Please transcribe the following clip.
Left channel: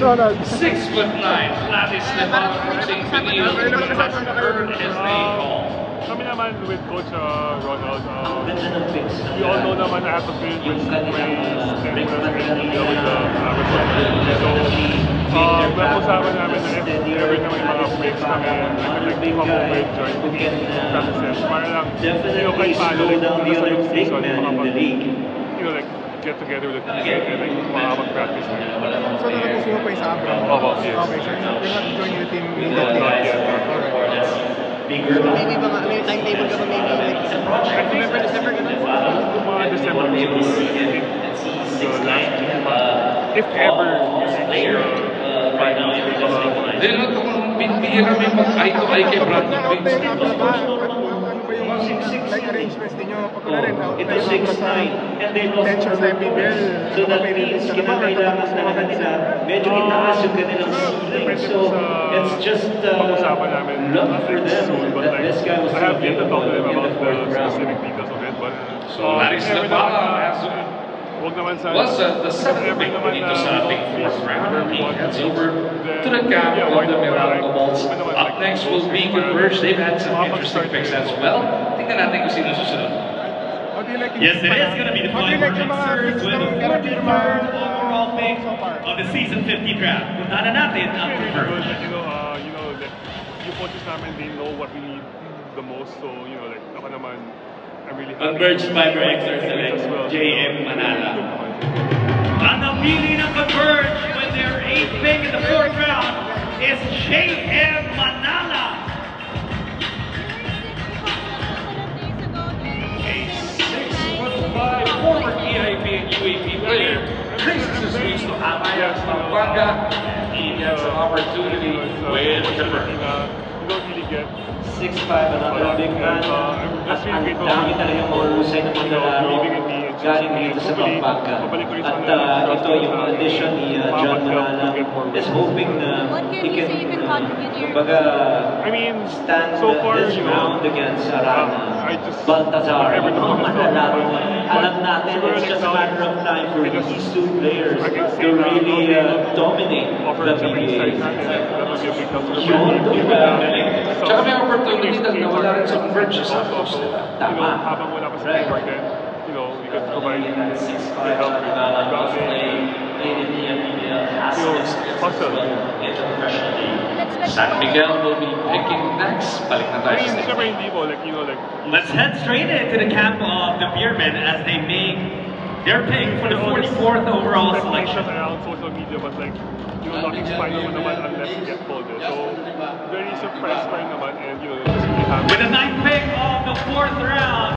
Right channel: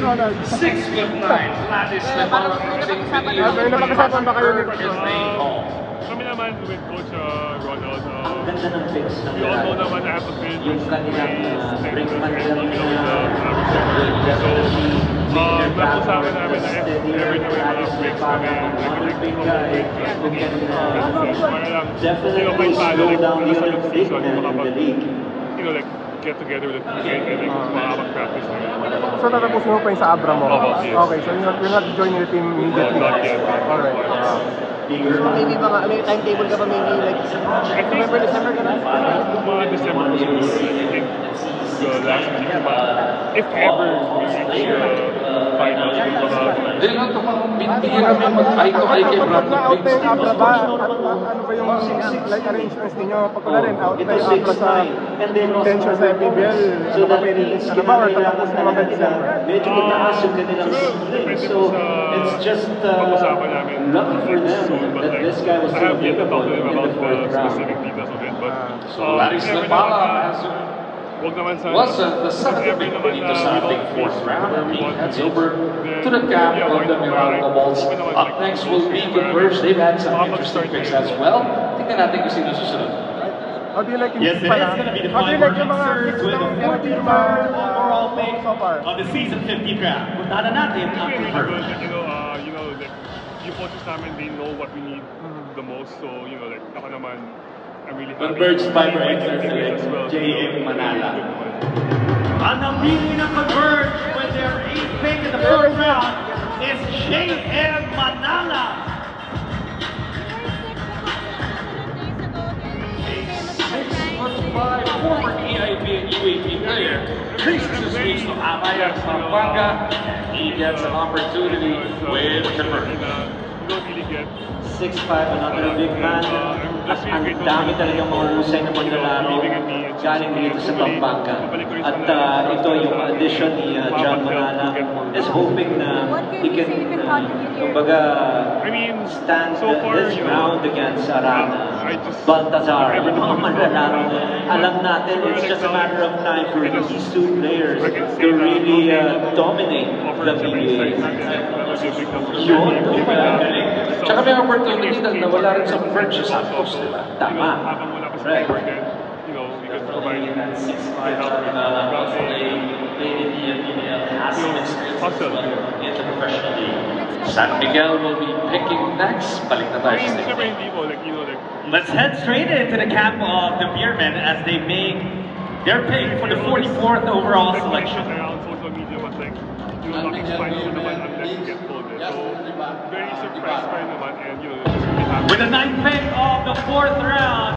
Ronald. 6'9", Gladys Lemon, riding video Kami naman with Coach Ronald, we all know naman I have to finish with my stint with the so napag-usapan namin na if ever na may mga breaks kami, I could like come over and join practices para lang, kahit paano, like nasa yung season, makapag, like get together with the teammate and like makapag-practice na rin. So natapos mo pa yung sa Abra mo? Yes. Okay, so you're not joining the team immediately? No, not yet. Alright. May timetable ka ba maybe like November, December ka na? Mga December po siguro. I think the last week if ever we reach finals with mga... Then ito kung binibigyan kami mag-eye to eye kay Brad. Pag na-out na yung Abra ba? Ano ba yung like arrangements ninyo? Pag wala rin out na yung Abra sa tension sa MPBL, ano ka may release ka na ba? Or tatapos na mga December? Siguro, depende po sa pag-usapan namin soon. But like, I have yet to talk to them about the specific details of it. But if ever naman wag naman sa the second ever pick naman dito we sa don't ating finish fourth round. where we He want heads to over then, to the camp of why the not? Meralco Bulls. Up next will be Converge. They've had some interesting picks as well. Tingnan natin kung sino susunod. How do you like yung Yes, it is going to be the How do you like yung mga picks ng Karapirma overall pick so far? of the season 50 draft? Punta na natin ang really good. Converge. Like, like yung coaches namin, they know what we need the most. So, like, ako naman, I'm really happy. Converge Fiber My Extra teammates as well, JM Manala. good naman. Ang napili ng Converge with their 8th pick in the first round is JM Manala. Former EIP and UAP player. Please to switch to Amaya Sambarga. He gets an opportunity with You don't really get 6'5", another big man. I'm just really grateful for the team for believing in me and choosing me, and hopefully mabalik ko rin sa trust nila sa akin and makapag-help to get more wins. What can you say you can contribute here? I mean, so far, I just whatever the point is talking about. Alam natin, it's just a matter of time for these two players I can to say na really dominate offer the some insights PBA. natin, like that would be a big help for my team, given that Tsaka may opportunity na nawala rin sa Converge sa Santos. so, habang wala pa sa teamwork, then, we could provide good help with grounding, hustle. San Miguel will be picking next. Balik na I tayo mean, sa syempre hindi po, Let's head straight into the camp of the Beermen as they make their pick for the 44th overall speculations selection. around social media, but nothing's final mo naman unless you get told it. So, very surprised pa rin naman, and just really happy. With the 9th pick of the 4th round.